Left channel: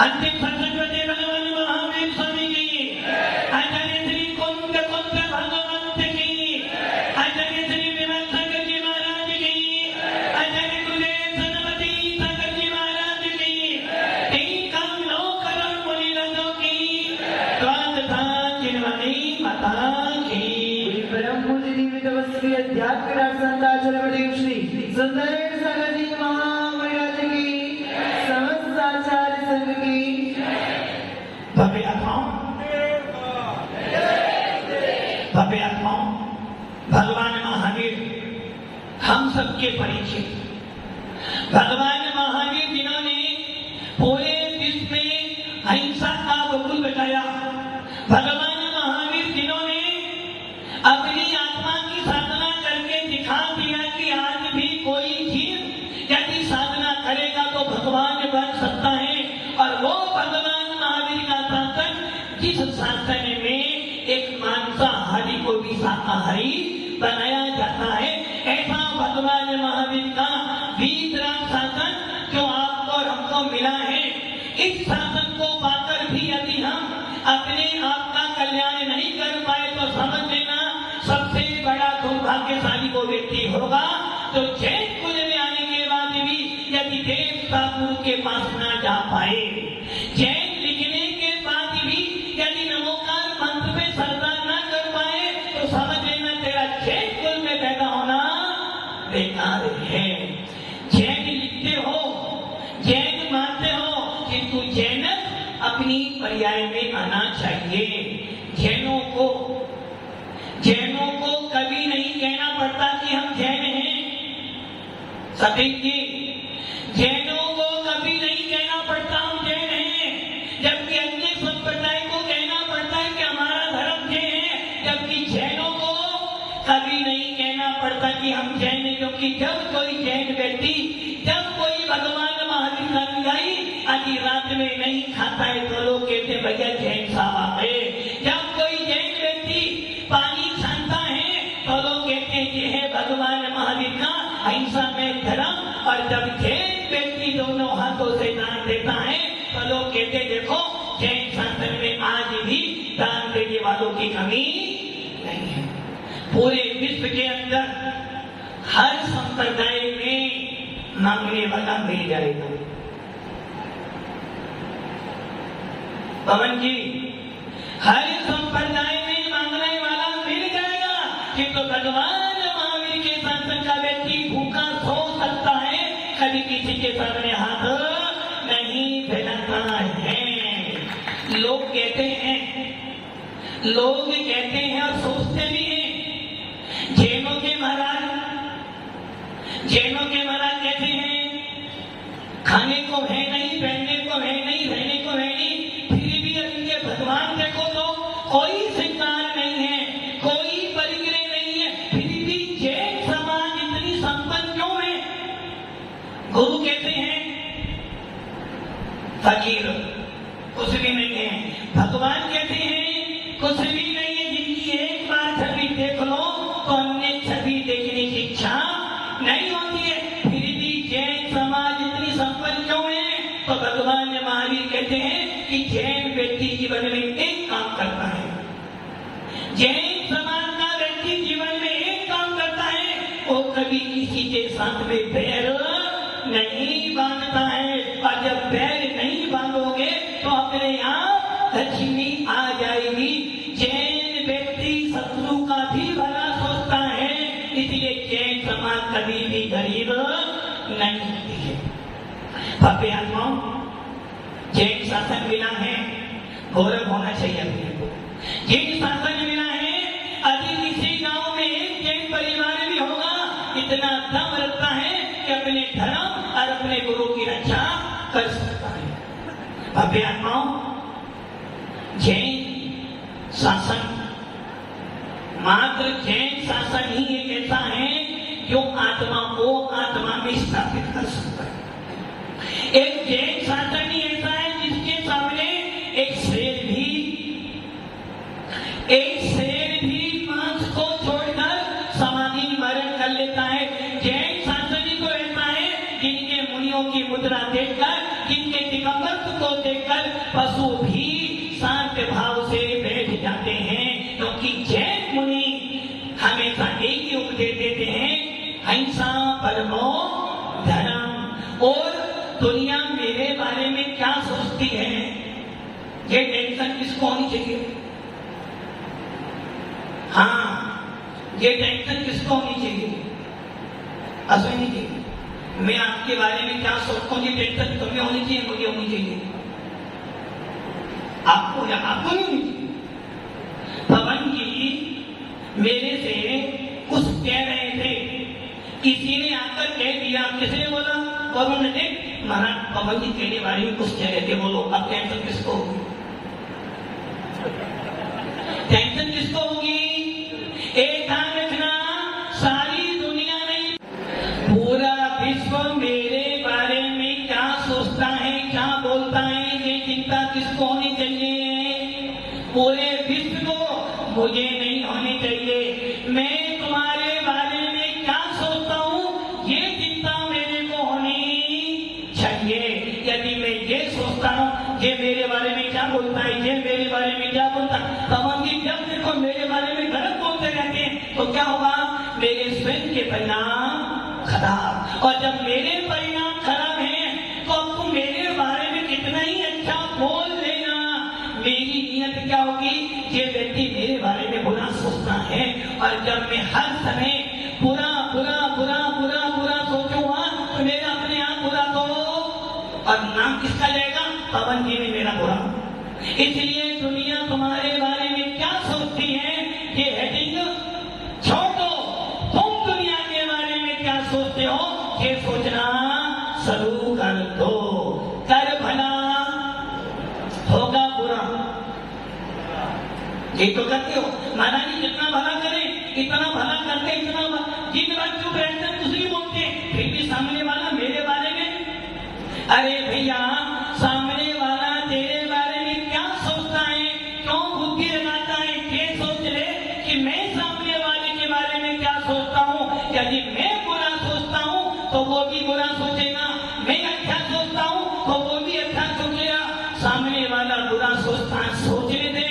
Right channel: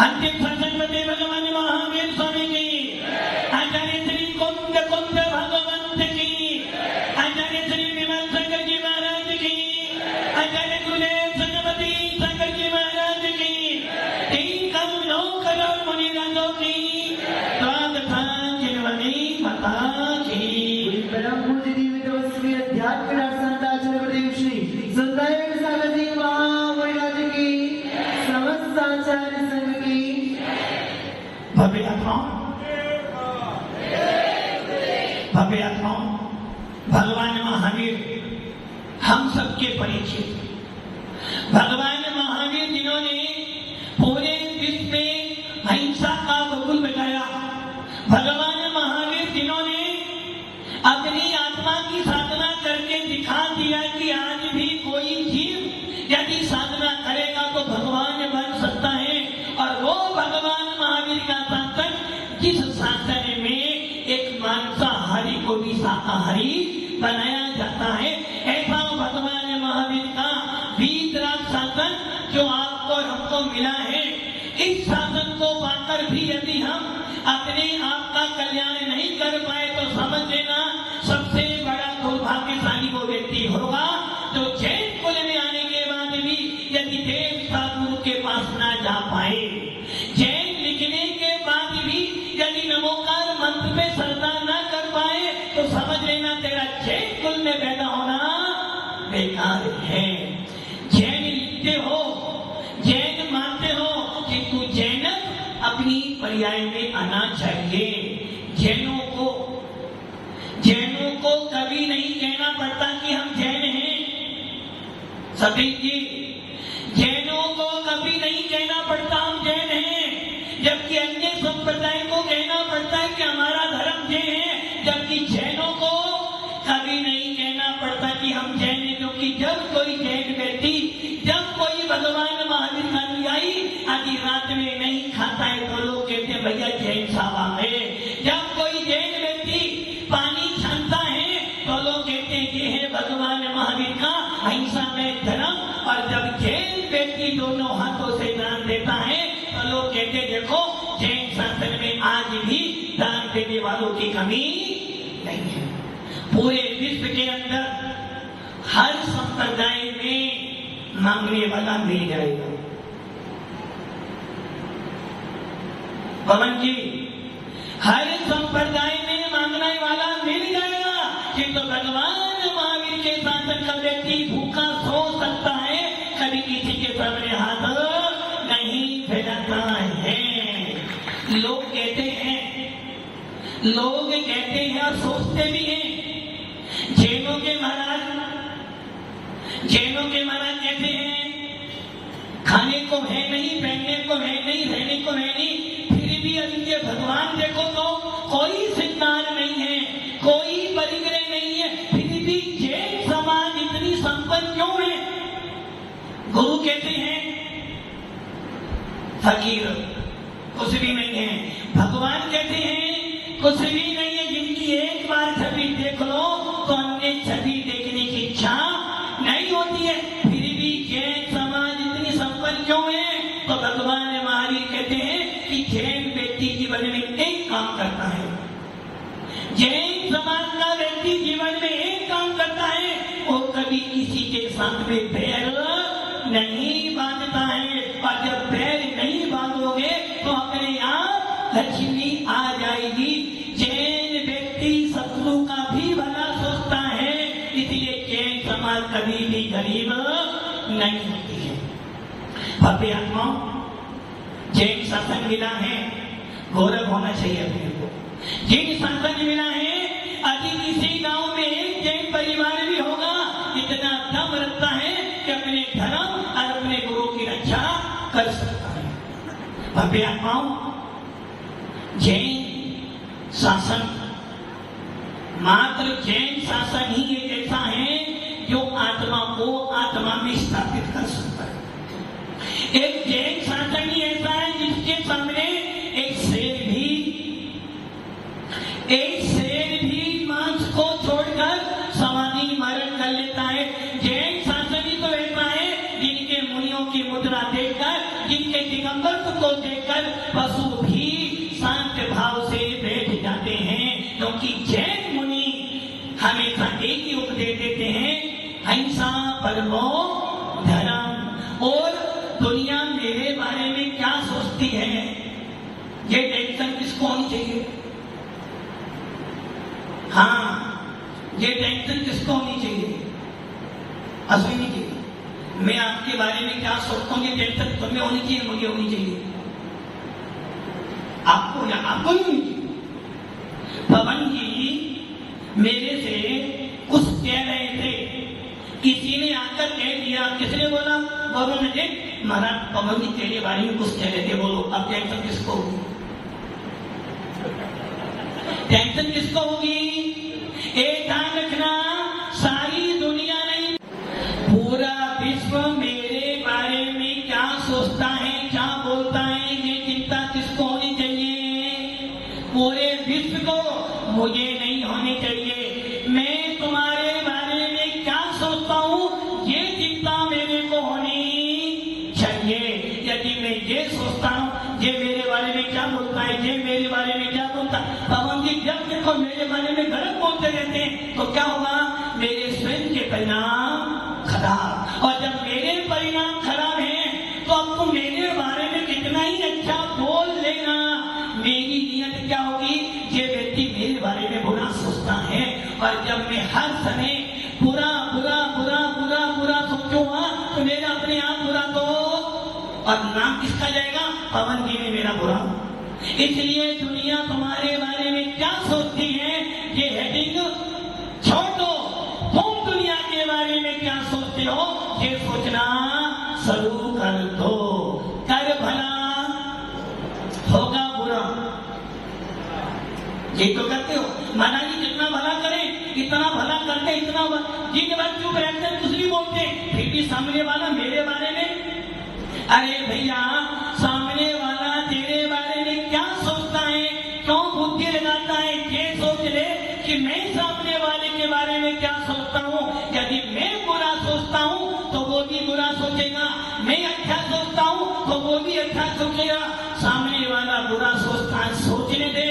अंतिम शासन करते भगवान महावीर स्वामी की, आचार्य श्री कुंद भगवंत की, आचार्य श्री विमल शंकर जी महाराज की, आचार्य गुरुदेव सनपति शंकर जी महाराज की, 3 करोड़ 9 करोड़ मुनिराजों की, तथा जिनवनी माता की। परम पूज्य दिव्य तपस्वी अध्यात्म संताचरपति श्री सुंदरेश सागर जी महामर्याद की, समस्त आचार्य संघ की भव्य आत्माओं, भगवान महावीर हम सबके परिचित, भगवान महावीर जिन्होंने पूरे विश्व में अहिंसा का वकूल बताया, भगवान महावीर जिन्होंने अपनी आत्मा की साधना करके दिखा दिया कि आज भी कोई जीव यदि साधना करेगा तो भगवान बन सकता है। और वो भगवान महावीर का शासन, जिस शासन में एक मांसाहारी को भी शाकाहारी बनाया जाता है, ऐसा भगवान महावीर का वीतराग शासन जो आपको और हमको मिला है, इस शासन को पाकर भी यदि हम अपने आप का कल्याण नहीं कर पाए तो समझ लेना सबसे बड़ा दुर्भाग्यशाली वो व्यक्ति होगा जो जैन कुल में आने के बाद भी यदि देवता गुरु के पास ना जा पाए, जैन लिखने के बाद भी यदि नमोकार मंत्र पे श्रद्धा ना कर पाए तो समझ लेना तेरा जैन कुल में पैदा होना बेकार है। जैन लिखते हो, जैन मानते हो, किंतु जैन अपनी पर्याय में आना चाहिए। जैनों को कभी नहीं कहना पड़ता कि हम जैन हैं। सतीश जी, जैनों को कभी नहीं कहना पड़ता हम जैन हैं, जबकि अन्य संप्रदाय को कहना पड़ता है कि हमारा धर्म जैन है, जबकि जैनों को कभी नहीं कहना पड़ता कि हम जैन हैं। क्योंकि जब कोई जैन व्यक्ति, जब कोई भगवान महावीर का अनुयायी आधी रात में नहीं खाता है तो लोग कहते हैं भैया जैन साहब आ गए। जब कोई जैन व्यक्ति पानी छानता है तो लोग कहते हैं ये है भगवान महावीर का अहिंसा में धर्म। और जब जैन व्यक्ति दोनों हाथों से दान देता है तो लोग कहते हैं देखो जैन शासन में आज भी दान देने वालों की कमी नहीं है। पूरे विश्व के अंदर हर संप्रदाय में मांगने वाला मिल जाएगा। पवन जी, हर संप्रदाय में मांगने वाला मिल जाएगा, किंतु भगवान महावीर के शासन का व्यक्ति भूखा सो सकता है, कभी किसी के सामने हाथ नहीं फैलाता है। लोग कहते हैं और सोचते भी हैं, जैनों के महाराज कहते हैं खाने को है नहीं, पहनने को है नहीं, रहने को है नहीं, फिर भी इनके भगवान देखो तो कोई श्रृंगार नहीं है, कोई परिग्रह नहीं है, फिर भी जैन समाज इतनी संपन्न क्यों है? गुरु कहते हैं फकीर कुछ भी नहीं है, भगवान कहते हैं कुछ भी नहीं है। जिनकी एक बार छवि देख लो तो अन्य छवि देखने की इच्छा नहीं होती है, फिर भी जैन समाज इतनी संपन्न क्यों है? तो भगवान महावीर कहते हैं कि जैन व्यक्ति जीवन में एक काम करता है, जैन समाज का व्यक्ति जीवन में एक काम करता है, वो कभी किसी के साथ में बैर नहीं बांधता है। और जब बैर नहीं बांधोगे तो अपने यहाँ लक्ष्मी आ जाएगी। जैन व्यक्ति शत्रु का भी भला सोचता है, इसलिए जैन समाज कभी भी गरीब नहीं होती है। भव्य आत्माओं, जैन शासन मिला है, गौरव होना चाहिए अपने को। जैन शासन मिला है, यदि किसी गांव में एक जैन परिवार भी होगा, इतना दम रखता है कि अपने धर्म और अपने गुरु की रक्षा कर सकता है। भव्य आत्माओं, जैन शासन, मात्र जैन शासन ही एक ऐसा है जो आत्मा को आत्मा में स्थापित कर सकता है। एक जैन शासन ही ऐसा है जिसके सामने एक शेर भी मांस को छोड़कर समाधि मरण कर लेता है। जैन शासन ही तो ऐसा है जिनके मुनियों की मुद्रा देखकर, जिनके दिगंबर को देखकर पर पशु भी शांत भाव से बैठ जाते हैं, क्योंकि जैन मुनि हमेशा एक ही उपदेश देते हैं, अहिंसा परमो धर्म। और दुनिया मेरे बारे में क्या सोचती है, ये टेंशन किसको होनी चाहिए? हाँ, ये टेंशन किसको होनी चाहिए? असुनी चाहिए। मैं आपके बारे में क्या सोचता हूँ, ये टेंशन तुम्हें होनी चाहिए, मुझे होनी चाहिए, आपको या आपको नहीं होनी चाहिए। पवन जी मेरे से कुछ कह रहे थे, किसी ने आकर कह दिया, किसने बोला? पवन ने। महाराज पवन जी तेरे बारे में कुछ कह रहे थे, बोलो अब टेंशन किसको होगी? टेंशन किसको होगी? एक ध्यान रखना, सारी दुनिया नहीं, पूरा विश्व मेरे बारे में क्या सोचता है, क्या बोलता है, ये चिंता किसको होनी चाहिए? पूरे विश्व को मुझे नहीं होनी चाहिए। मैं तुम्हारे बारे में क्या सोचता हूँ, ये चिंता मेरे को होनी चाहिए। यदि मैं ये सोचता हूँ ये मेरे बारे में क्या बोलता है, ये मेरे बारे में क्या बोलता है, तब हम जब देखो मेरे बारे में गलत बोलते रहते हैं तो क्या होगा? मेरे स्वयं के परिणाम खराब। और जब मेरे परिणाम खराब हैं तो अब तुम मेरे बारे में कितना ही अच्छा बोल लेना, मेरी नीयत क्या होगी? ये व्यक्ति मेरे बारे में बुरा सोचता है, और जब मैं हर समय बुरा बुरा बुरा बुरा बुरा सोचूंगा तो मेरा अपने आप बुरा तो, और नाम किसका जाएगा? पवन जी ने मेरा बुरा। इसलिए दुनिया तुम्हारे बारे में क्या सोचती है, ये हेडिंग छोड़ दो। तुम दुनिया के बारे में क्या सोचते हो, ये सोचना शुरू कर दो। कर भला होगा बुरा, ये तो करते हो। महाराज जी जितना भला करें, इतना भला करते, इतना दिन रात चुप रहते, कुछ नहीं बोलते, फिर भी सामने वाला मेरे बारे में, अरे भैया सामने वाला तेरे बारे में क्या सोचता है, क्यों बुद्धि लगाता है? ये सोच ले कि मैं सामने वाले के बारे में क्या सोचता हूँ। यदि मैं बुरा सोचता हूँ तो वो भी बुरा सोचेगा, मैं अच्छा सोचता हूँ तो वो भी अच्छा सोचेगा। सामने वाला बुरा सोचता है, सोचने दे।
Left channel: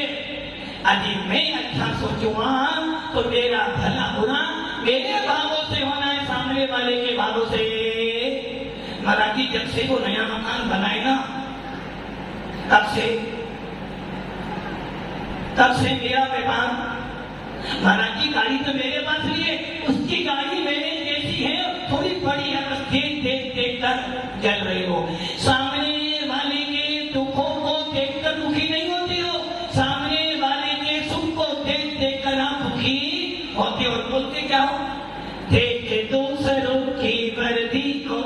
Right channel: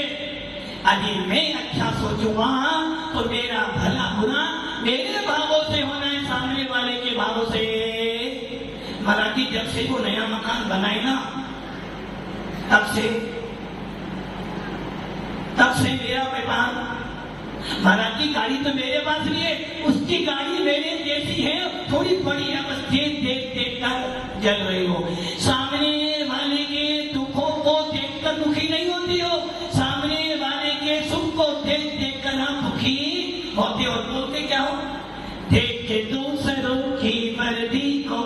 यदि मैं अच्छा सोचूंगा तो मेरा भला बुरा मेरे भावों से होना है, सामने वाले के भावों से। मराठी जब से वो नया मकान बनाए ना, तब से मेरा व्यापार, मराठी गाड़ी तो मेरे पास लिए, उसकी गाड़ी मेरे जैसी है, थोड़ी बड़ी है, बस देख कर जल रही हो। सामने वाले के दुखों को देखकर दुखी नहीं होती हो, सामने वाले के सुख को देख कर आप दुखी होते हो। बोलते क्या हो? देख दूसरों की वर्दी को,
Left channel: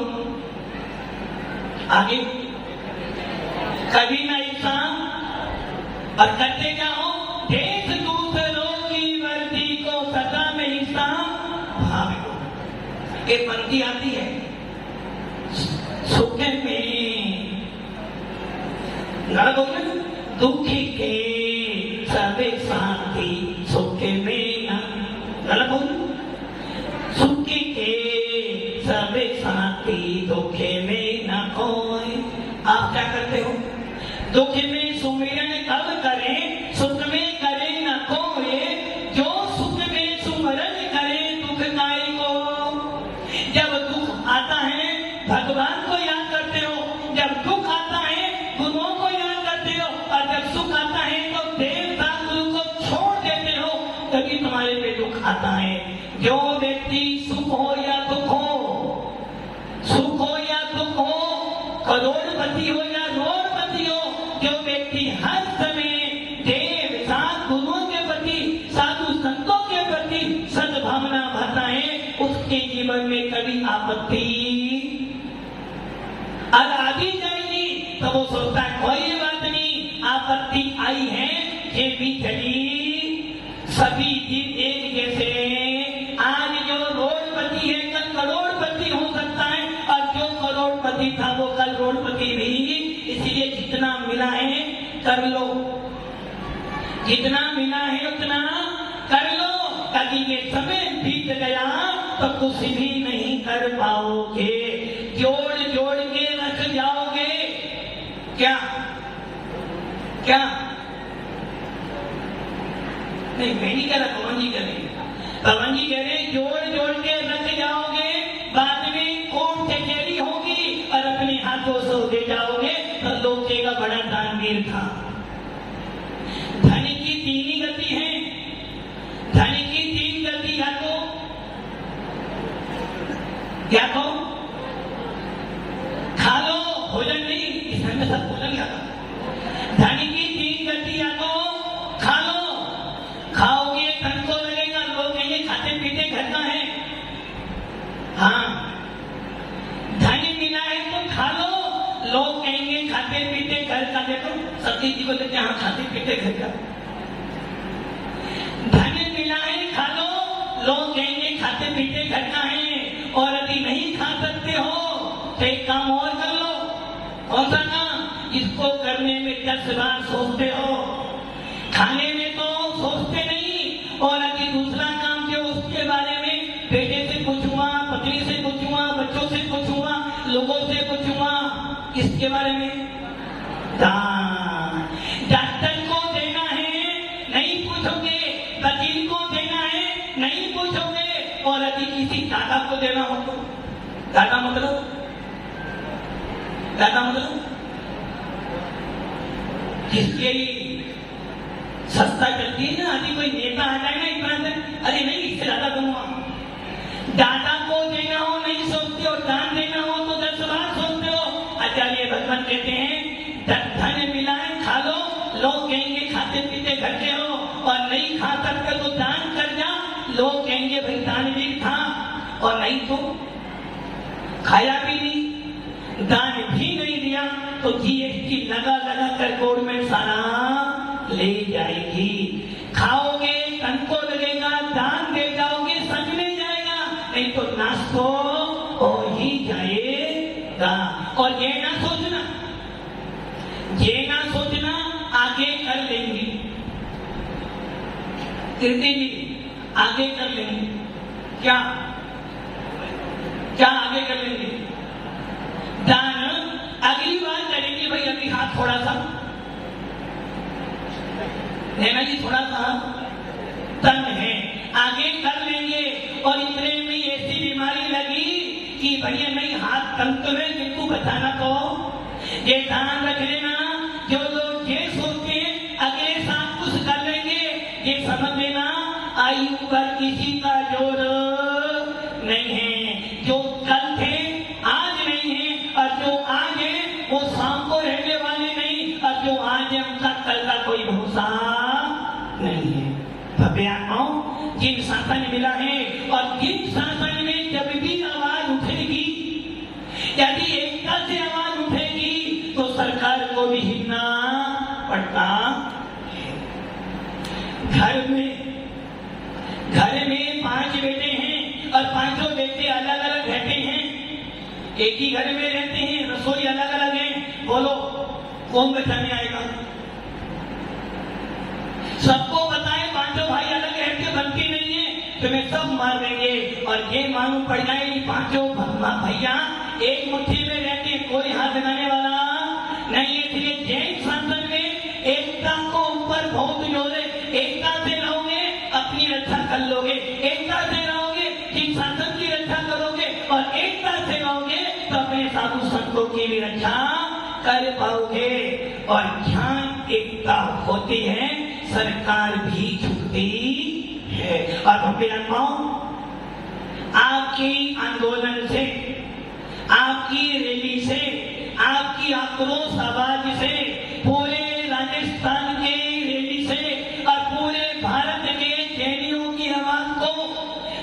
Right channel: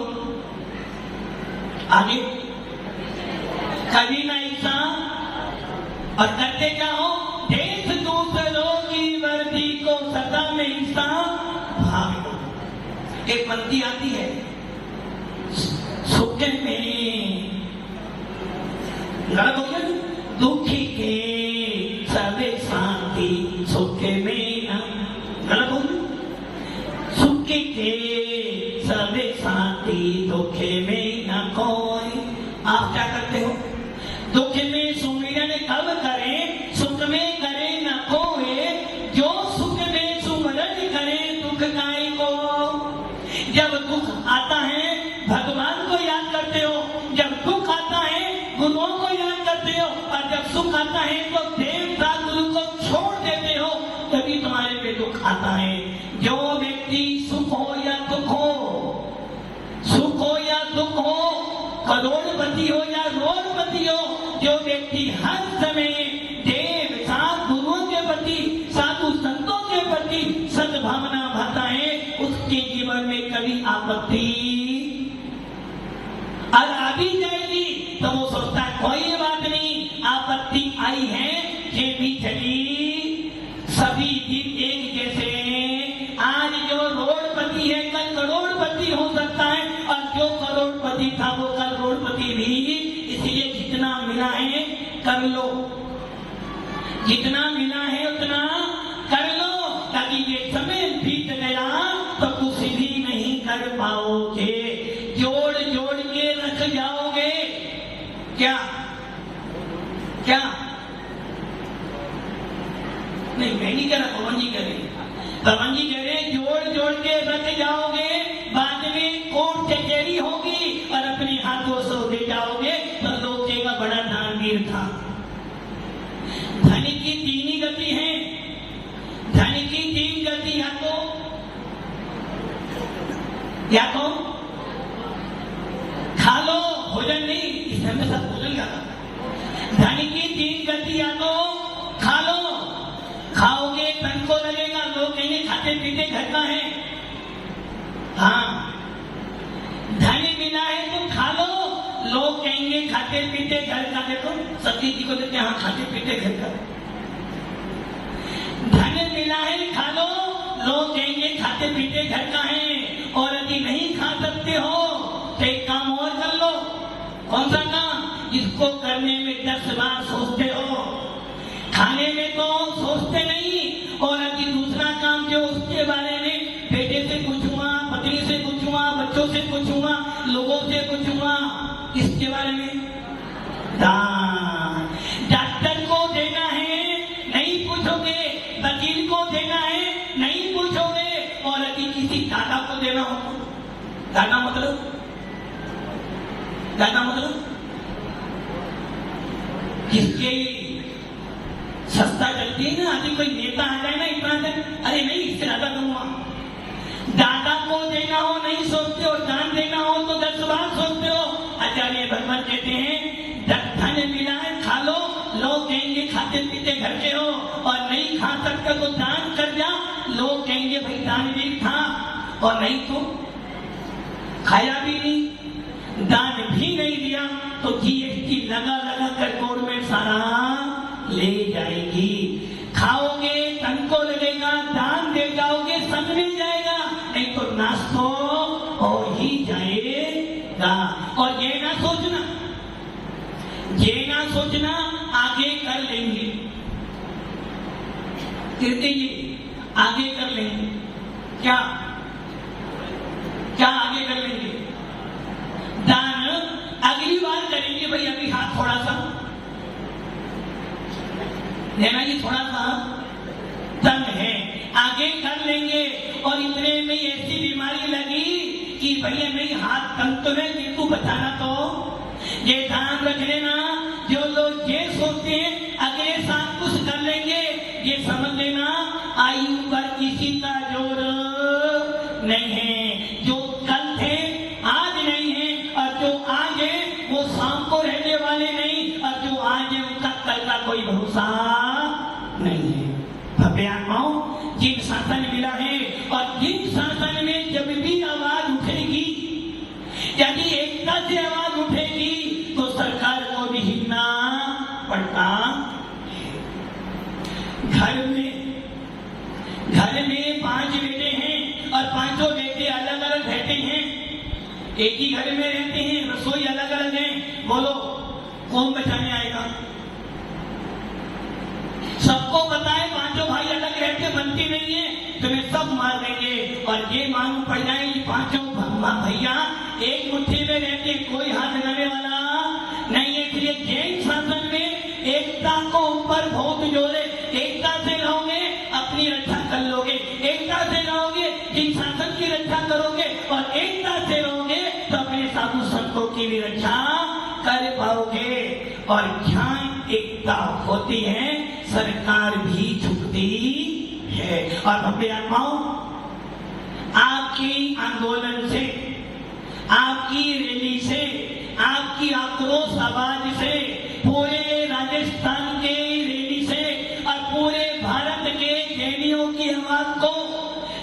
आगे कभी नहीं सा, और करते क्या हो? देश दूसरों की वर्दी को सदा में हिस्सा भाग। एक पंक्ति आती है, सुख में दुखी के सबे शांति, सुख में गलत बोल, सुख के सबे शांति, दुखे में न कोई। आप क्या करते हो? दुख में सुमिरन कब करें, सुख में करें न कोई। जो सुख में सुमिरन करे दुख काय को। जब दुख आता है भगवान को याद करते हो, जब दुख आता है गुरुओं को याद करते हो, और जब सुख आता है तो देवता गुरु को छोड़ देते हो, तभी तुम्हारे पे दुख आता है। जो व्यक्ति सुख हो या दुख हो, सुख हो या दुख हो, करोड़पति हो या रोड़पति हो, जो व्यक्ति हर समय देव साथ गुरुओं के प्रति, साधु संतों के प्रति सद्भावना भरता है, उसके जीवन में कभी आपत्ति और आ भी जाएगी तो वो सोचता है कोई बात नहीं, आपत्ति आई है ये भी चली, सभी दिन एक जैसे। आज जो रोड़पति है कल करोड़पति हो सकता है, और जो करोड़पति था वो कल रोड़पति भी। इसलिए जितना मिला है कर लो, जितना मिला है उतना कर लो, ताकि ये समय बीत गया तो कुछ भी नहीं कर पाओगे, जोड़ जोड़ के रख जाओगे। क्या क्या नहीं, मैं नहीं कह रहा, पवन जी कह रहे हैं। पवन जी कह रहे हैं जोड़ जोड़ के रख जाओगे, बाद में कोर्ट कचहरी होगी और अपने हाथों से दे जाओगे तो लोग कहेगा बड़ा दानवीर था। धन की तीन ही गति है, धन की तीन गति, या तो खा लो, भोजन नहीं, इस समय सब भोजन का। धन की तीन गति, या तो खा लो, खाओगे तन को लगेगा, लोग कहेंगे खाते पीते घर का है। हाँ, धन मिला है तो खा लो, लोग कहेंगे खाते पीते घर का। देखो सतीश जी को देते हैं, हाँ खाते पीते घर का। धन मिला है खा लो, लोग कहेंगे खाते पीते घर का है। और यदि नहीं खा सकते हो तो एक काम और कर लो। कौन सा काम? इसको करने में 10 बार सोचते हो, खाने में तो सोचते नहीं। और यदि दूसरा काम जो उसके बारे में बेटे से पूछूंगा, पत्नी से पूछूंगा, बच्चों से पूछूंगा, लोगों से पूछूंगा, इसके बारे में दान। डॉक्टर को देना है नहीं पूछोगे, वकील को देना है नहीं पूछोगे। और यदि किसी दादा को देना हो तो दादा मतलब जिसके सस्ता चलती है ना, अभी कोई नेता आ जाए ना इतना से, अरे नहीं इससे ज्यादा दूंगा। दादा को देना हो नहीं सोचते हो, दान देना हो तो 10 बार सोचते हो। आचार्य भगवान कहते हैं धन मिला है खा लो, लोग कहेंगे खाते पीते घर के हो। और नहीं खा सकते तो दान कर जा, लोग कहेंगे भाई दानवीर था। और नहीं तो खाया भी नहीं, दान भी नहीं दिया तो जीएसटी लगा लगा कर गवर्नमेंट सारा ले जाएगी। खाओगे तन को लगेगा, दान दे जाओगे संग में जाएगा, नहीं तो नाश तो हो ही जाएगा। और ये ना सोचना आगे कर लेंगे, कीर्ति जी आगे कर लेंगे। क्या आगे कर लेंगे? दान अगली बार करेंगे भाई, अभी हाथ थोड़ा सा नैना जी, थोड़ा सा तंग है, आगे कर लेंगे। और इतने में ऐसी बीमारी लगी कि भैया नहीं हाथ तंग तो है, बिल्कुल बचाना तो ये ध्यान रख लेना। जो लोग ये सोचते हैं अगले साल कुछ कर लेंगे, ये समझ लेना आयु पर किसी का जोर नहीं है। जो कल थे आज नहीं है, और जो आज है वो शाम को रहने वाले नहीं, और जो आज है उनका कल का कोई भरोसा नहीं है। भव्यात्माओं, जिन शासन मिला है और जिन शासन में जब भी आवाज उठेगी, यदि एकता से आवाज उठेगी तो सरकार को भी हिलना पड़ता है। घर में 5 बेटे हैं और 5 बेटे अलग अलग रहते हैं, एक ही घर में रहते हैं, रसोई अलग अलग है। बोलो कौन बचाने आएगा? सबको पता है 5 भाई अलग रहते बनती नहीं है, तुम्हें सब मार देंगे। और ये मालूम पड़ जाए कि 5 भैया एक मुट्ठी में रहते, कोई हाथ लगाने वाला नहीं है। इसलिए जैन शासन में एकता को ऊपर बहुत जोर है। एकता से रहोगे अपनी रक्षा कर लोगे, एकता से रहोगे जिन शासन की रक्षा करोगे, और एकता से रहोगे तो अपने साधु संतों की भी रक्षा कर पाओगे। और ध्यान एकता होती है, सरकार भी झुकती है। और भव्य आत्माओं, आपकी आंदोलन से, आपकी रैली से, आपकी आक्रोश आवाज से, पूरे राजस्थान के रैली से और पूरे भारत के जैनियों की आवाज को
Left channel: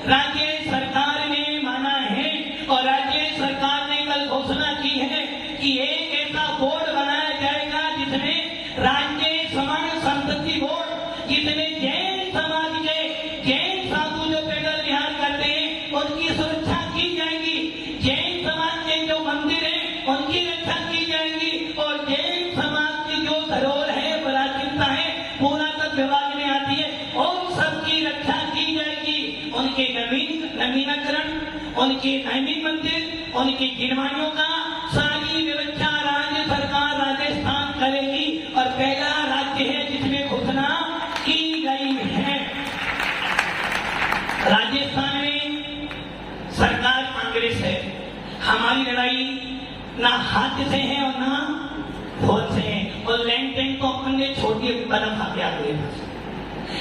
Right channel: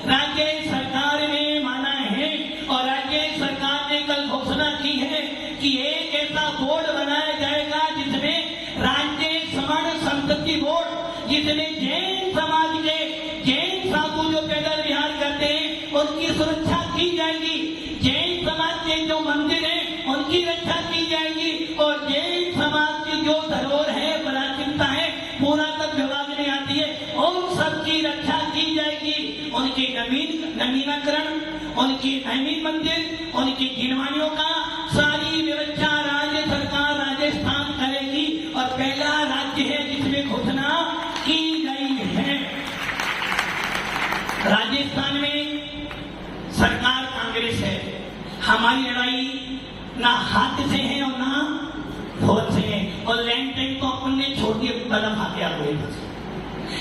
राज्य सरकार ने माना है। और राज्य सरकार ने कल घोषणा की है कि एक ऐसा बोर्ड बनाया जाएगा जिसमें राज्य सवर्ण संपत्ति बोर्ड, जिसमें जैन समाज के जैन साधु जो पैदल विहार करते हैं उनकी सुरक्षा की जाएगी, जैन समाज के जो मंदिर है उनकी रक्षा की जाएगी, और जैन समाज की जो धरोहर है, विरासत है, पुरातत्व विभाग में आती है, उन सबकी रक्षा की जाएगी। उनके नवीनीकरण, उनके नवीन मंदिर, उनकी गिरवानियों का सारी व्यवस्था राज्य सरकार राजस्थान करेगी। और पहला सत्य है जिसमें घोषणा की गई है। राजस्थान में सरकार कांग्रेस है। हमारी लड़ाई ना हाथ से है और ना फौज से है, और लैंड टैंक तो अपने छोड़ के कदम आगे आ गए।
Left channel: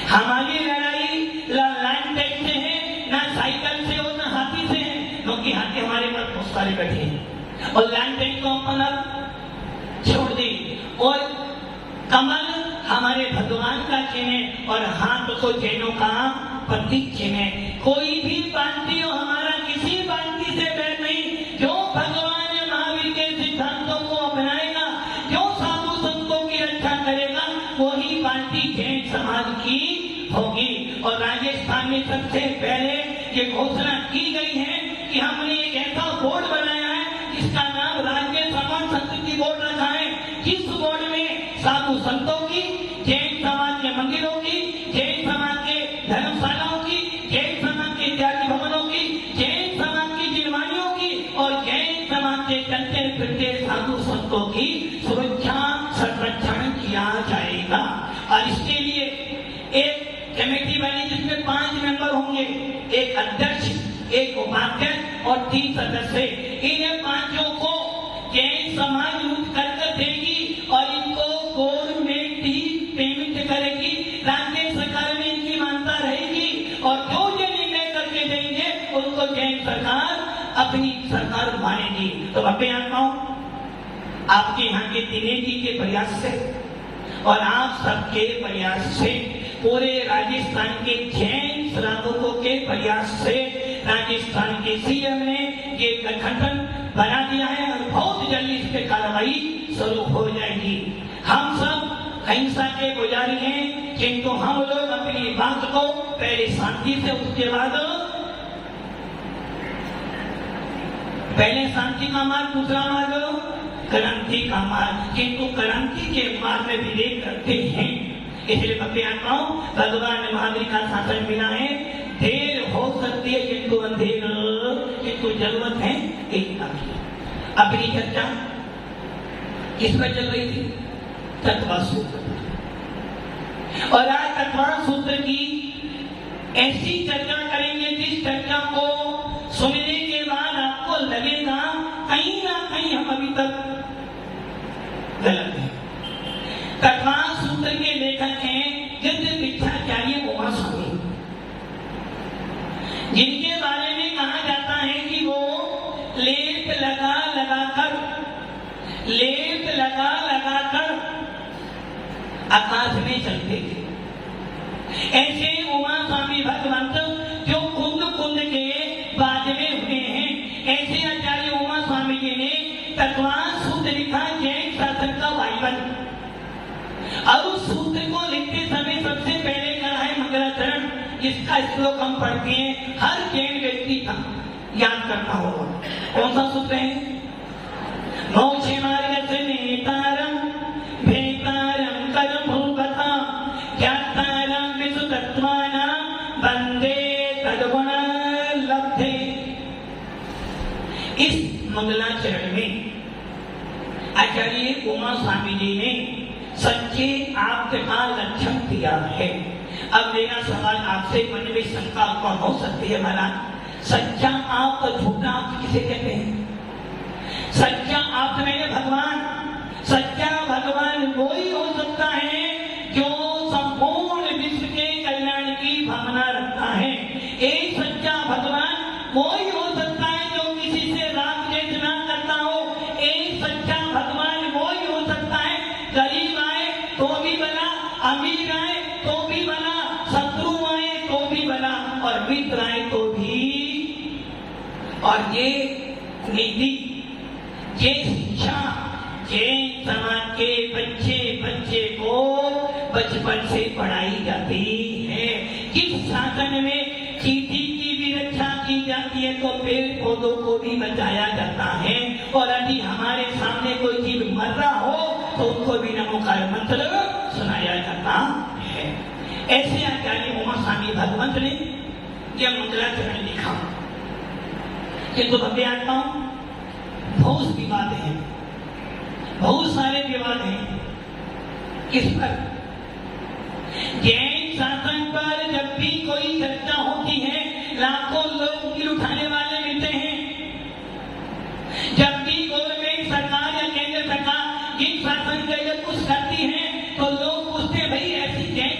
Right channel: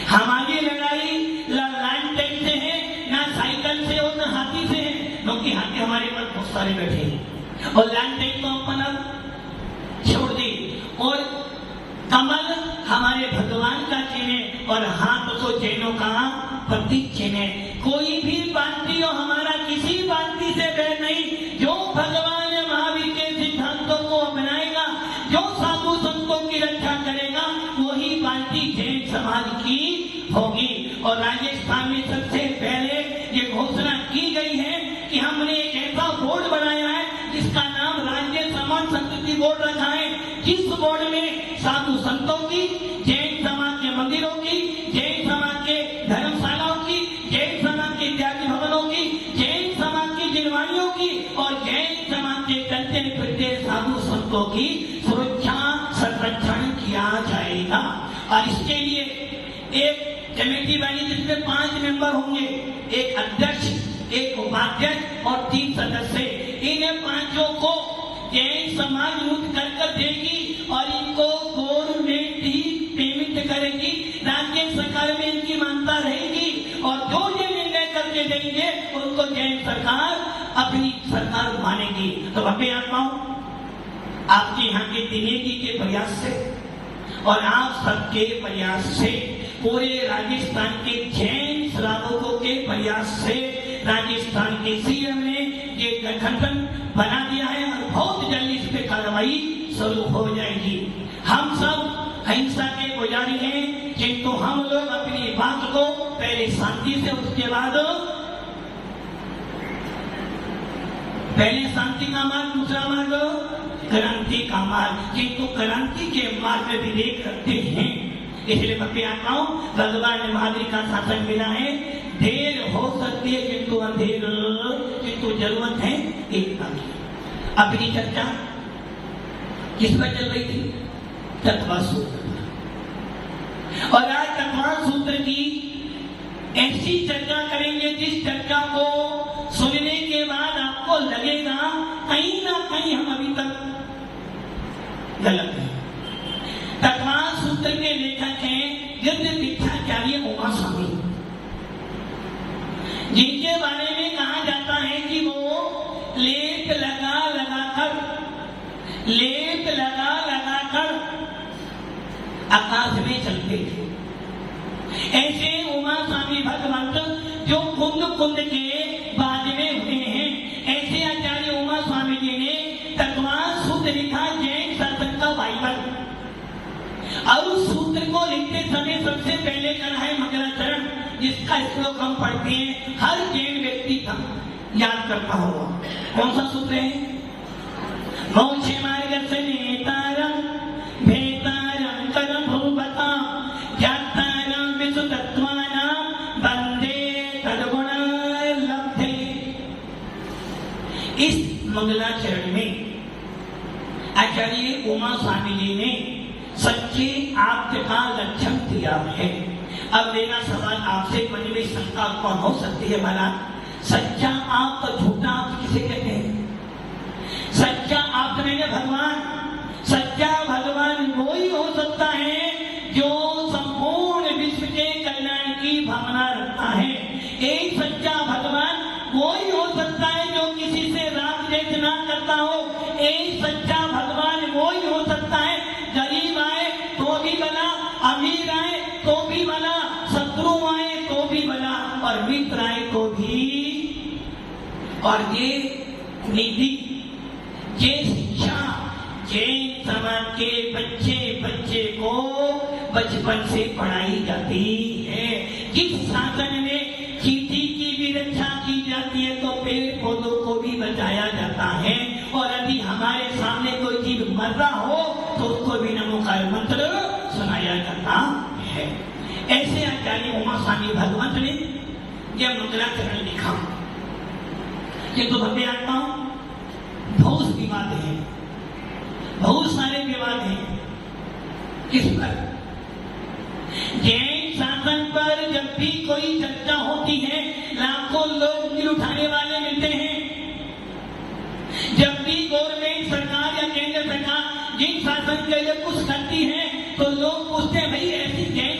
हमारी लड़ाई लैंड टैंक से है, ना साइकिल से और ना हाथी से है, क्योंकि हाथी हमारे पास बहुत सारे बैठे हैं, और लैंड टैंक तो अपन छोड़ दी। और कमल हमारे भगवान का चिन्ह है, और हाथ को जैनों का प्रतीक चिन्ह है। कोई भी पार्टी हो हमारा किसी पार्टी से बैर नहीं। जो भगवान महावीर के सिद्धांतों को अपनाएगा, जो साधु संतों की रक्षा करेगा, वही पार्टी जैन समाज की होगी। और राजस्थान में सबसे पहले ये घोषणा की गई है कि हमने एक ऐसा बोर्ड बनाया है जिसका नाम राज्य समाज संस्कृति बोर्ड रखा है। जिस बोर्ड में साधु संतों की, जैन समाज के मंदिरों की, जैन समाज के धर्मशालाओं की, जैन समाज के विद्यार्थी भवनों की, जैन समाज की जिनवानियों की और जैन समाज के चलते फिरते साधु संतों की सुरक्षा संरक्षण किया जाएगा। और इसके लिए एक कमेटी बनी जिसमें 5 मेंबर होंगे, एक अध्यक्ष, एक उपाध्यक्ष और 3 सदस्य। इन पांचों को जैन समाज लूट कर देगी और इनको गवर्नमेंट ही पेमेंट करेगी। राज्य सरकार में इनकी मान्यता रहेगी, और जो ये निर्णय करके देंगे उनको जैन सरकार अपनी सरकार मानेगी। तो अभी आपके यहाँ के दिनेश जी के प्रयास से और आप सबके प्रयास से, पूरे राजस्थान के जैन श्रावकों के प्रयास से राजस्थान के सीएम ने ये गठबंधन बना दिया है, और बहुत जल्दी इस पे कार्रवाई शुरू हो जाएगी। हम सब अहिंसा के पुजारी हैं, किंतु हम लोग अपनी बात को पहले शांति से, उसके बाद पहले शांति का मार्ग, दूसरा मार्ग क्रांति का मार्ग, किंतु क्रांति के मार्ग में विवेक करते हैं। इसलिए मैं आता हूँ, भगवान महावीर का शासन मिला है। देर हो सकती है किंतु अंधेर, किंतु जरूरत है एकता की। अपनी चर्चा किस पर चल रही थी? तत्वा सूत्र। और आज तत्वा सूत्र की ऐसी चर्चा करेंगे जिस चर्चा को सुनने के बाद आपको लगेगा कहीं ना कहीं हम अभी तक गलत है। तत्वा सूत्र के लेखक हैं यज्ञ दीक्षाचार्य उमा स्वामी, जिनके बारे में कहा जाता है कि वो लेप लगा लगाकर आकाश में चलते थे। ऐसे उमा स्वामी भगवंत जो कुंद के बाद में हुए हैं, ऐसे आचार्य उमा स्वामी जी ने तत्वा सूत्र लिखा, जैन शासन का बाइबल। और उस सूत्र को लिखते समय सबसे पहले कहा है मंगलाचरण, जिसका श्लोक हम पढ़ते हैं, हर जैन व्यक्ति का याद करना होगा। कौन सा सूत्र है? मोक्षे मार्ग से नेतारम भेतारम कर भूपता ज्ञातारम विसुतत्वानां वंदे तद्गुण लब्धे। इस मंगलाचरण में आचार्य उमा स्वामी जी ने सच्चे आप्त का लक्षण दिया है। अब मेरा सवाल आपसे मन में शंका उत्पन्न हो सकती है, माना सच्चा आप और झूठा आप किसे कहते हैं? सच्चा आप मैंने भगवान, सच्चा भगवान वही हो सकता है जो संपूर्ण विश्व के कल्याण की भावना रखता है। एक सच्चा भगवान वही हो सकता है जो किसी से राग द्वेष ना करता हो। एक सच्चा भगवान वही हो सकता है, गरीब आए तो भी भला, अमीर आए तो भी भला, शत्रु आए तो भी भला, और मित्र आए तो भी। और ये नीति, ये शिक्षा जैन समाज के बच्चे को बचपन से पढ़ाई जाती है। किस शासन में चींटी की भी रक्षा की जाती है तो पेड़ पौधों को भी बचाया जाता है। और यदि हमारे सामने कोई जीव मर रहा हो तो उसको भी नमोकार मंत्र सुनाया जाता है। ऐसे आचार्य उमा स्वामी भगवंत ने यह मंगलाचरण लिखा। किंतु भव्य आता हूं, बहुत विवाद है, बहुत सारे विवाद हैं। किस पर? जैन शासन पर जब भी कोई चर्चा होती है, लाखों लोग दिल उठाने वाले मिलते हैं। जब भी गवर्नमेंट सरकार या केंद्र सरकार जिन शासन के लिए कुछ करती है, तो लोग पूछते हैं भाई ऐसी जैन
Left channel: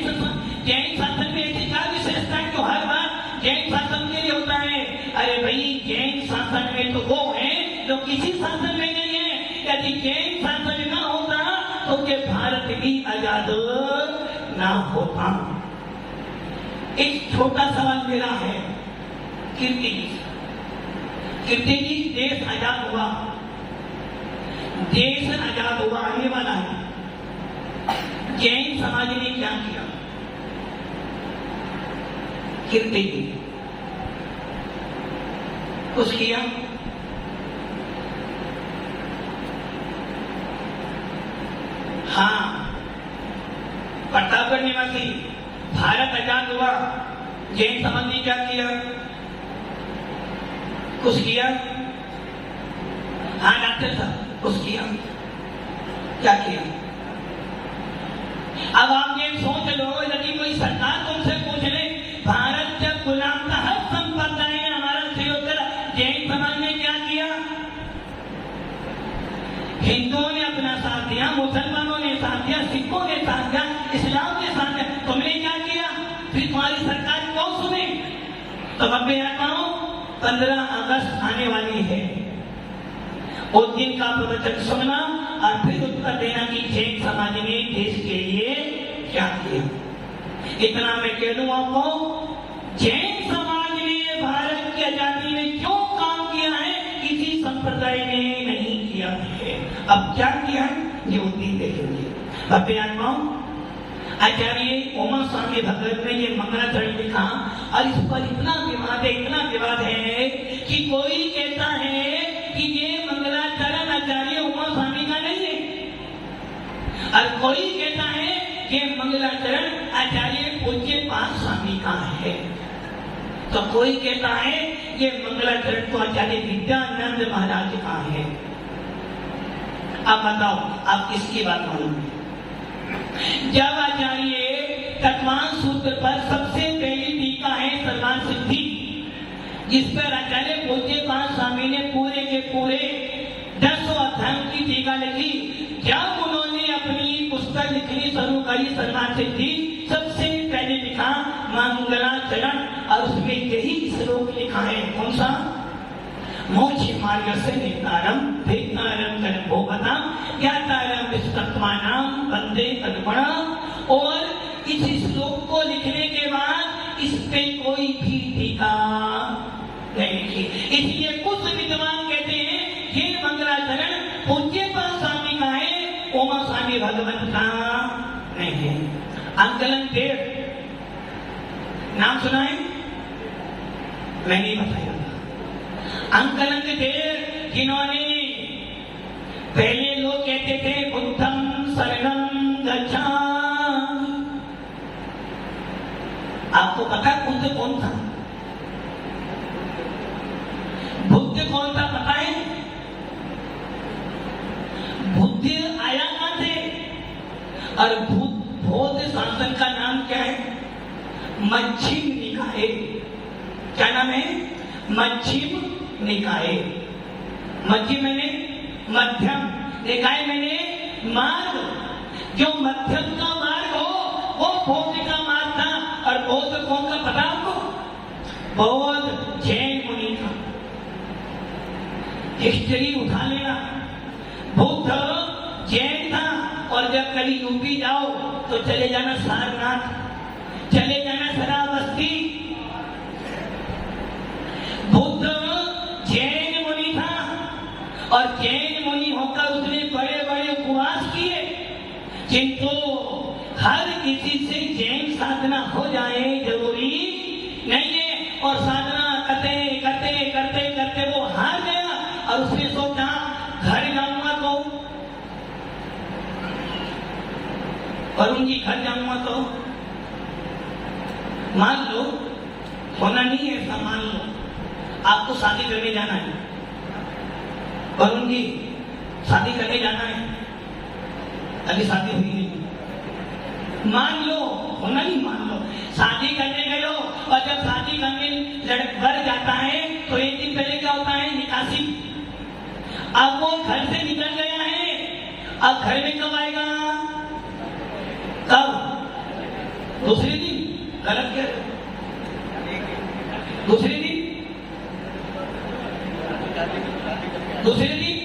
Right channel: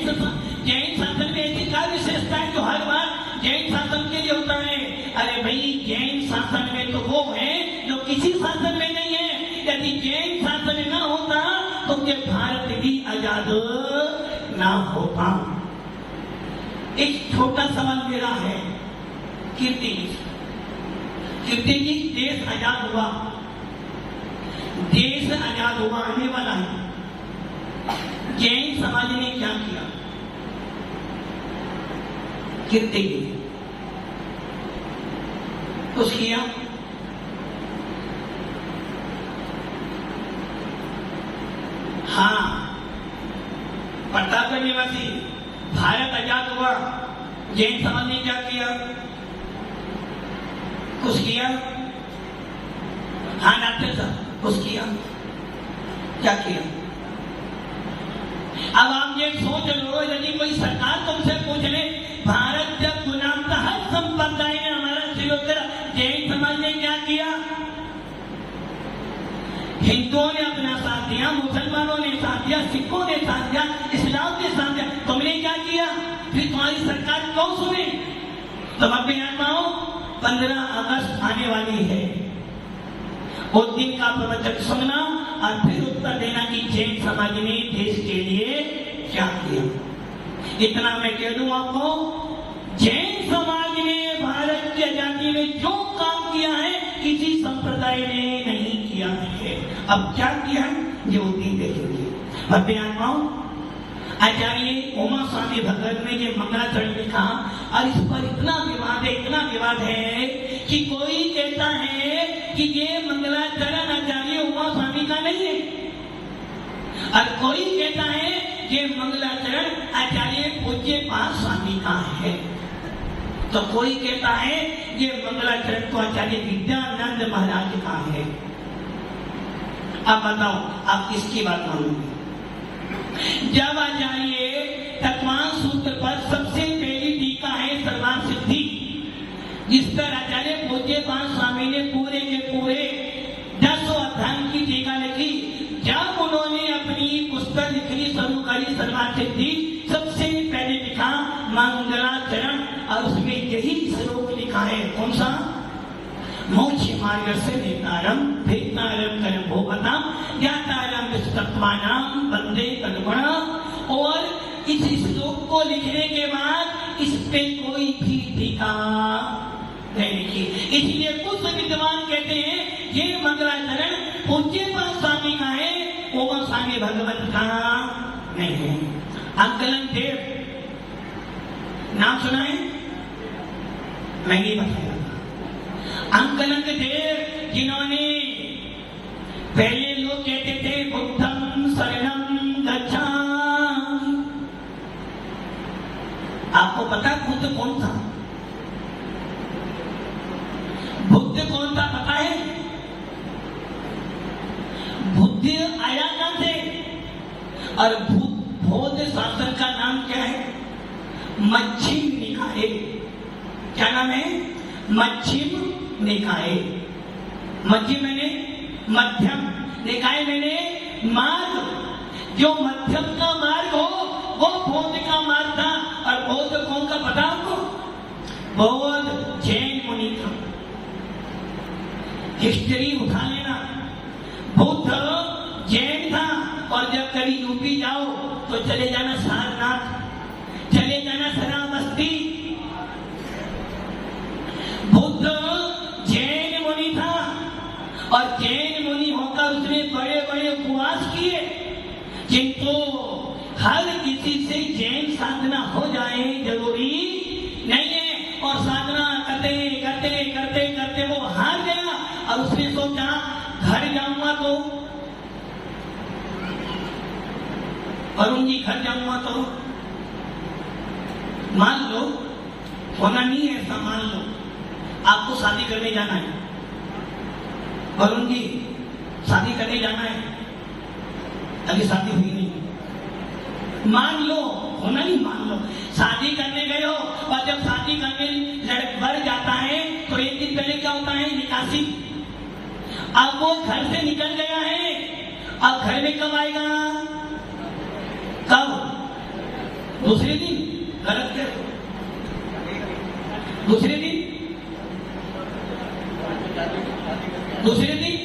शासन में ऐसी क्या विशेषता है जो हर बार जैन शासन के लिए होता है? अरे भाई, जैन शासन में तो वो है जो किसी शासन में नहीं है। यदि जैन शासन न होता तो ये भारत भी आजाद ना होता। एक छोटा सवाल मेरा है, कीर्ति जी, देश आजाद हुआ, देश आजाद हुआ, आने वाला है, जैन समाज ने क्या किया? कीर्ति कुछ किया? हाँ, प्रतापगढ़ निवासी, भारत आजाद हुआ, जैन समाज ने क्या किया? कुछ किया? हाँ डॉक्टर साहब, कुछ किया? क्या किया? अब आप ये सोच लो, यदि कोई सरकार तुमसे पूछ ले, भारत जब गुलाम था हर संप्रदाय में हमारा सहयोग करा, जैन समाज ने क्या किया? हिंदुओं ने अपना साथ दिया, मुसलमानों ने साथ दिया, सिखों ने साथ दिया, इस्लाम ने साथ दिया, तुमने क्या किया? फिर तुम्हारी सरकार कौन सुने? तो अब मैं आता हूं, 15 अगस्त आने वाली है, उस दिन का प्रवचन सुनना और फिर उत्तर देना कि जैन समाज ने देश के लिए क्या किया। इतना मैं कह दूं आपको, जैन समाज ने भारत की आजादी में जो काम किया है किसी संप्रदाय ने नहीं किया है। अब क्या किया है ये उस दिन देखेंगे। भव्यात्माओं, आचार्य उमा स्वामी भगत ने ये मंगलाचरण लिखा और इस पर इतना विवाद है कि कोई कहता है कि ये मंगलाचरण आचार्य उमा स्वामी का नहीं है, और कोई कहता है कि मंगलाचरण आचार्य पूज्य पाद स्वामी का है, तो कोई कहता है ये मंगलाचरण तो आचार्य विद्यानंद महाराज का है। अब बताओ आप किसकी बात मानोगे? जब आचार्य तत्वान सूत्र पर सबसे पहली टीका है सर्वान सिद्धि, जिस पर आचार्य पूज्य पाद स्वामी ने पूरे के पूरे 10 अध्यायों की टीका लिखी। जब उन्होंने अपनी पुस्तक लिखनी शुरू करी सर्वान सिद्धि, सबसे पहले लिखा मंगलाचरण, और उसमें यही श्लोक लिखा है, कौन सा? मोक्ष मार्ग से नेतारम भेदनारम कर्म भोगता ज्ञातारम विस्तत्मानाम वंदे तद्गुणा। और इस श्लोक को लिखने के बाद इस पे कोई भी टीका नहीं लिखी। इसलिए कुछ विद्वान कहते हैं ये मंगलाचरण पूज्य पाद स्वामी का है, उमा स्वामी भगवत का नहीं है। अंकलन देव नाम सुना है? मैं नहीं बताया। अंकलन देव, जिन्होंने पहले लोग कहते थे बुद्धम शरणम गच्छामि। आपको पता बुद्ध कौन था? बुद्ध कौन था पता है? बुद्ध आया कहां से? और बौद्ध शासन का नाम क्या है? मध्यम निकाय। क्या नाम है? मध्यम निकाय। मध्यम मैंने मध्यम, निकाय मैंने मार्ग। जो मध्यम का मार्ग हो वो बौद्ध का मार्ग था। और बौद्ध कौन का पता आपको? बौद्ध जैन मुनि था। हिस्ट्री उठा लेना, बुद्ध जैन था। और जब कभी यूपी जाओ तो चले जाना सारनाथ, चले जाना श्रावस्ती। बुद्ध जैन मुनि था, और जैन मुनि होकर उसने बड़े बड़े उपवास किए, किंतु हर किसी से जैन साधना हो जाए जरूरी नहीं है। और साधना करते करते करते करते वो हार गया, और उसने सोचा घर जाऊंगा तो वरुण जी, घर जाऊंगा तो मान लो, होना नहीं है ऐसा, मान लो आपको शादी करने जाना है। वरुण जी, शादी करने जाना है, अभी शादी हुई नहीं। मान लो होना ही मान लो। शादी करने गए हो और जब शादी करने वर जाता है तो एक दिन पहले क्या होता है, निकासी। अब वो घर से निकल गया है, अब घर में कब आएगा, कब, दूसरे दिन, गलत कर, दूसरे दिन, दूसरे दिन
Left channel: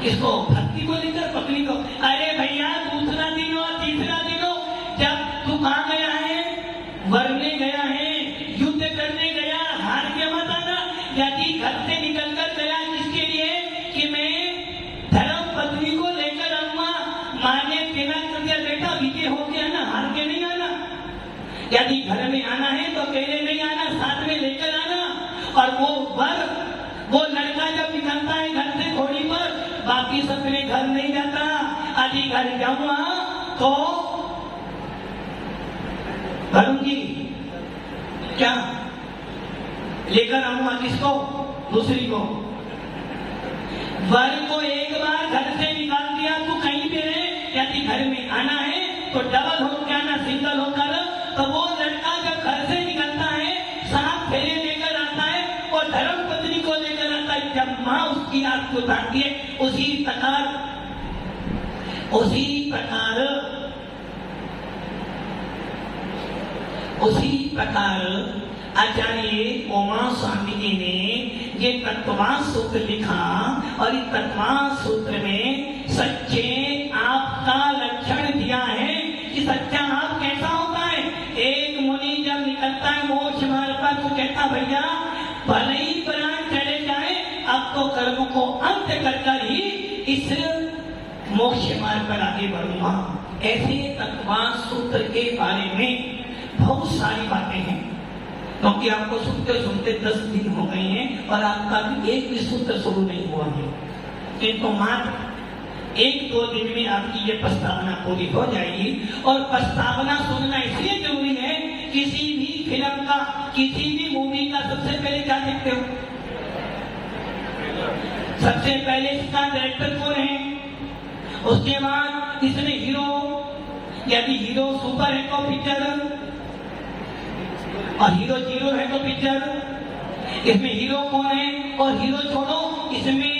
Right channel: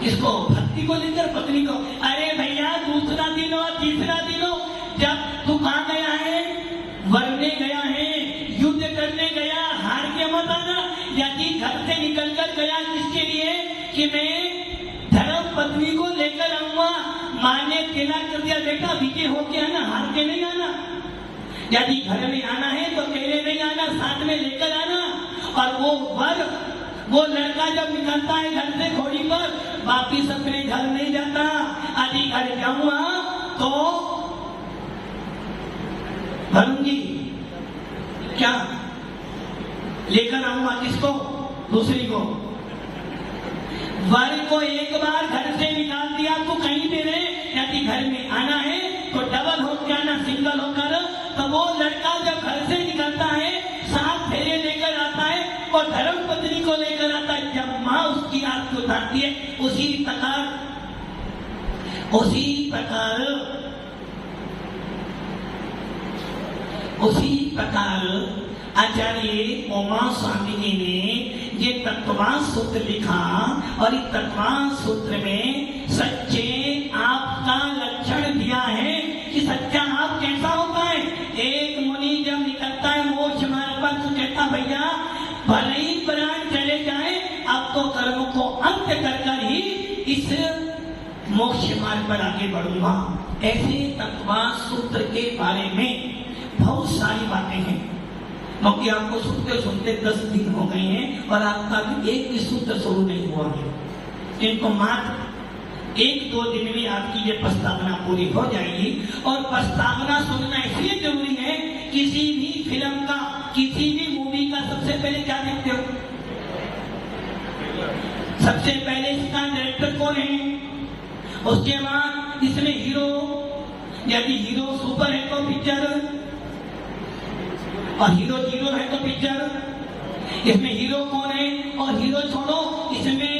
किसको, भक्ति को लेकर पत्नी को। अरे भैया दूसरा दिन हो, तीसरा दिन हो, जब तू कहां गया है, वरने गया है, युद्ध करने गया, हार के मत आना। यदि घर से निकलकर गया किसके लिए, कि मैं धर्म पत्नी को लेकर आऊंगा, मां ने तिलक कर दिया, बेटा विजय होके आना, हार के नहीं आना। यदि घर में आना है तो अकेले नहीं आना, साथ में लेकर आना। और वो वर, वो लड़का जब निकलता है घर से घोड़ी पर, बाकी सबने घर नहीं जाता। यदि घर जाऊंगा तो भरूंगी क्या, लेकर आऊंगा किसको, दूसरी को। वर को एक बार घर से निकाल दिया तो कहीं भी रहे, यदि घर में आना है तो डबल होकर आना, सिंगल होकर। तो वो लड़का जब घर से निकलता है, साथ फेरे लेकर आता है और धर्म पत्नी को लेकर आता है। जब मां उसकी आंख को उठाती है, उसी प्रकार आचार्य उमा स्वामी जी ने ये तत्वांश सूत्र लिखा। और इस तत्वांश सूत्र में सच्चे आपका लक्षण दिया है कि सच्चा आप कैसा होता है। एक मुनि जब निकलता है मोक्ष मार्ग पर तो कहता, भैया भले ही प्राण चले जाए, आपको कर्म को अंत कर ही इस मोक्ष मार्ग पर आगे बढ़ूंगा। ऐसे तत्वांश सूत्र के बारे में बहुत सारी बातें हैं, क्योंकि आपको सुनते सुनते 10 दिन हो गए हैं और आपका भी एक भी सूत्र शुरू नहीं हुआ है। किंतु मात्र 1-2 दिन में आपकी ये प्रस्तावना पूरी हो जाएगी। और प्रस्तावना सुनना इसलिए जरूरी है, किसी भी फिल्म का, किसी भी मूवी का सबसे पहले क्या देखते हो, सबसे पहले इसका डायरेक्टर कौन है, उसके बाद इसमें हीरो, यदि हीरो सुपर है तो पिक्चर, और हीरो जीरो है तो पिक्चर, इसमें हीरो कौन है, और हीरो छोड़ो इसमें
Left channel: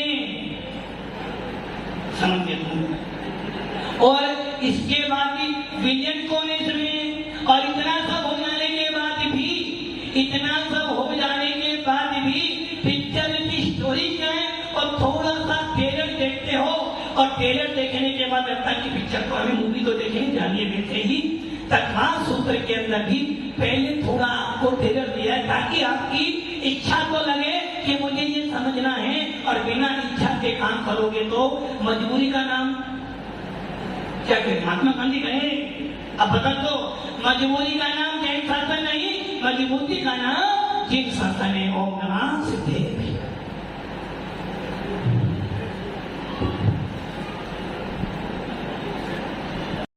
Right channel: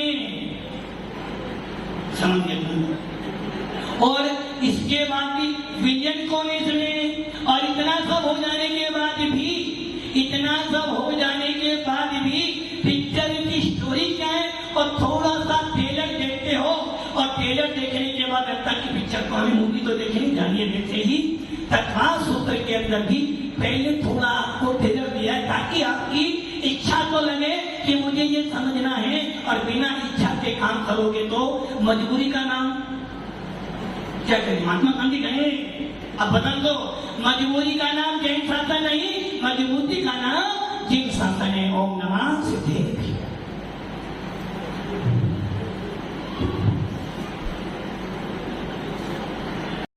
समझिए, और इसके बाद भी विलेन कौन है इसमें। और इतना सब हो जाने के बाद भी पिक्चर की स्टोरी क्या है, और थोड़ा सा ट्रेलर देखते हो, और ट्रेलर देखने के बाद जब तक की पिक्चर को, हमें मूवी को देखें जानिए देखते ही तत्वांश सूत्र के अंदर भी पहले थोड़ा आपको ट्रेलर दिया है, ताकि आपकी इच्छा तो लगे कि मुझे ये समझना है। और बिना इच्छा के काम करोगे तो मजबूरी का नाम क्या करें, महात्मा गांधी कहे, अब बदल दो, मजबूरी का नाम जैन शासन नहीं, मजबूरी का नाम जिन शासन है। ओम नमः